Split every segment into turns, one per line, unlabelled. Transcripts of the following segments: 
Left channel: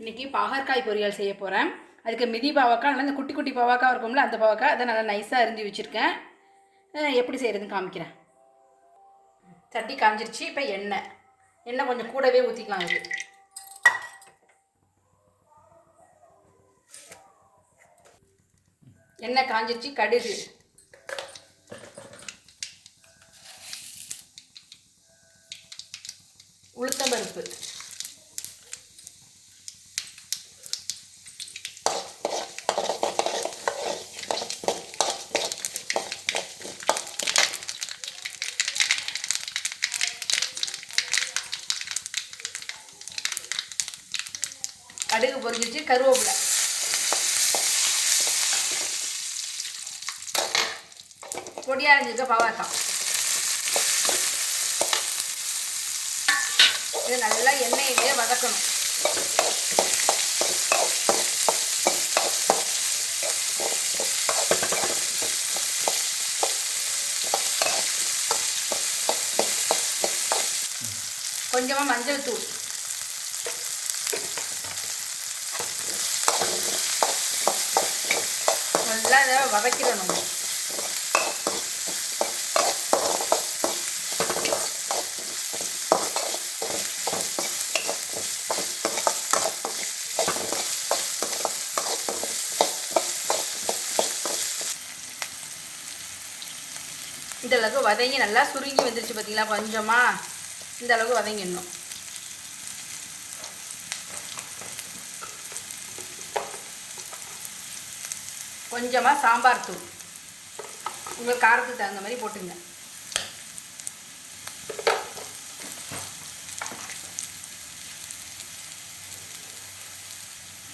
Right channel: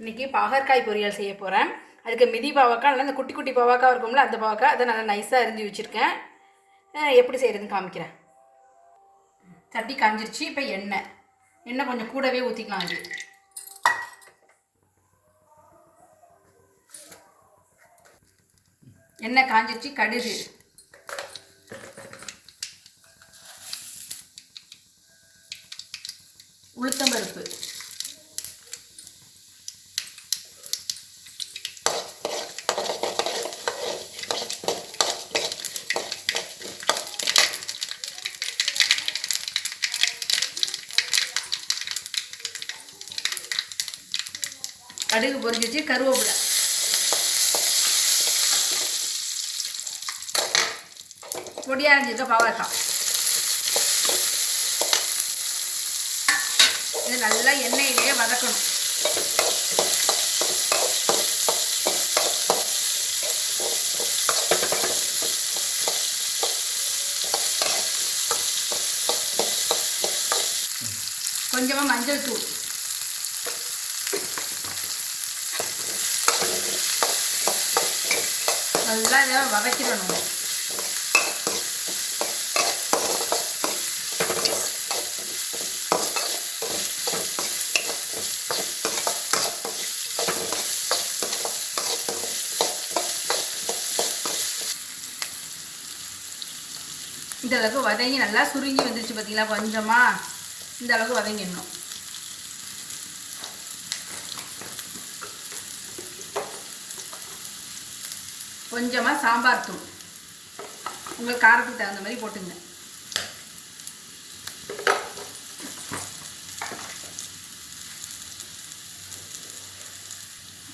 இன்றைக்கி பாகற்காய் பொரியல் செய்ய போகிறேன் அதுக்கு மிதி பாவக்காய் நல்லா இந்த குட்டி குட்டி பாவக்காய் இருக்கும்ல அந்த பாவக்காய் அதை நல்லா நைஸாக அரிஞ்சு வச்சுருக்கேன். எப்படி செய்கிறதுன்னு காமிக்கிறேன். சட்டி காஞ்சிருச்சு இப்போ எண்ணெய். எண்ணெய் கொஞ்சம் கூடவே ஊற்றிக்கலாம் அது. எண்ணெய் காஞ்சிருச்சு கடுகு. உளுத்தம்பருப்பு. கடுகு பொரிஞ்சிச்சு கருவேப்பிலை. பொடியாக இருந்துச்சு பாவக்காய் இது நல்லா எண்ணெயிலே வதக்கணும். கொஞ்சமாக மஞ்சள் தூள். நல்லா இதை வதக்கிடணும். இந்த அளவுக்கு வதங்கி நல்லா சுருங்கி வந்துருச்சு பார்த்தீங்களா கொஞ்சமாக இந்த அளவுக்கு வதங்கிடணும். கொஞ்சமாக சாம்பார் தூள். உங்கள் காரத்துக்கு தகுந்த மாதிரி போட்டுங்க.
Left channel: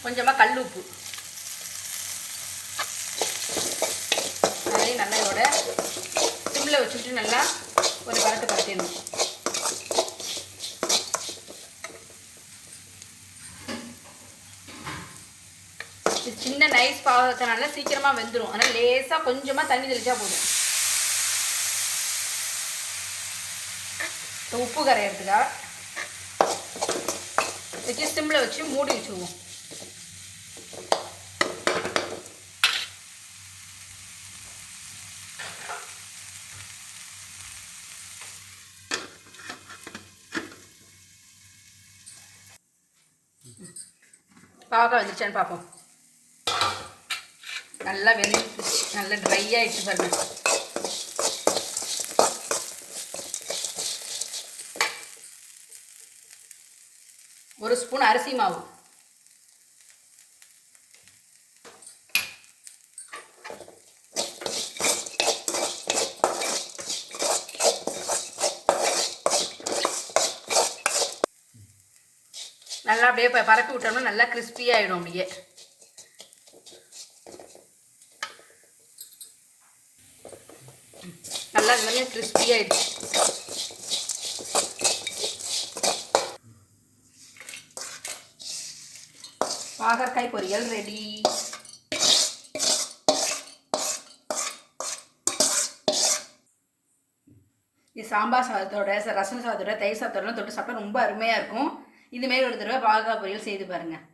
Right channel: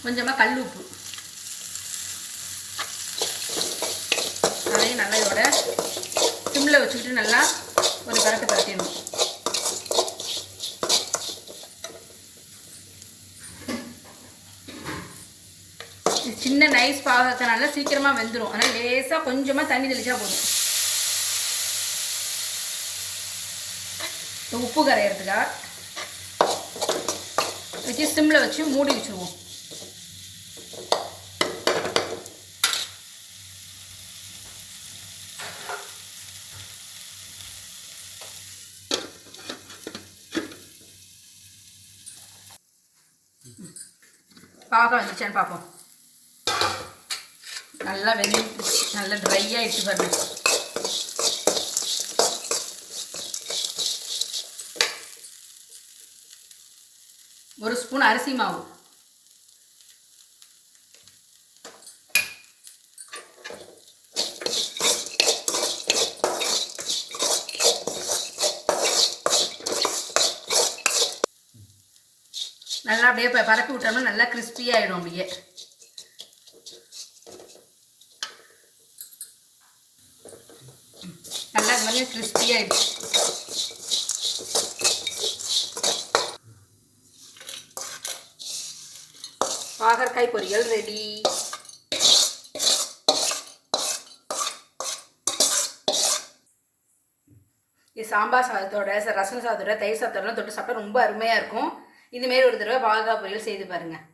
கொஞ்சமாக கல் உப்பு. அதையும் நல்லா இதோட சிம்மில் வச்சுக்கிட்டு நல்லா ஒரு பரட்டு பரட்டிடணும். சின்ன நைஸ் பாகத்தினால சீக்கிரமாக வெந்துடும் ஆனால் லேசாக கொஞ்சமாக தண்ணி தெளிச்சா போதும். உப்பு கரையிறதுக்காக வச்சு சிம்மில் வச்சு மூடி வச்சுருவோம். பாவக்காய் வந்துச்சான்னு பார்ப்போம் நல்லா வெந்து நல்லா ட்ரை ஆகிட்டு பாருங்க. ஒரு ஸ்பூன் அரிசி மாவு. நல்லா அப்படியே ப- பரப்பி விட்டோம்னா நல்லா கிறிஸ்பியாகிடும் அப்படியே. நல்லா இது மாதிரி crispy பாகற்காய் பொரியல் ரெடி இது சாம்பார் சாதத்தோட ரசம் சாதத்தோட தயிர் சாதத்தோட தொட்டு சாப்பிட்டா ரொம்ப அருமையாக இருக்கும். இதுமாரி ஒரு தடவை பாகற்காய் பொரியல் செய்து பாருங்கள்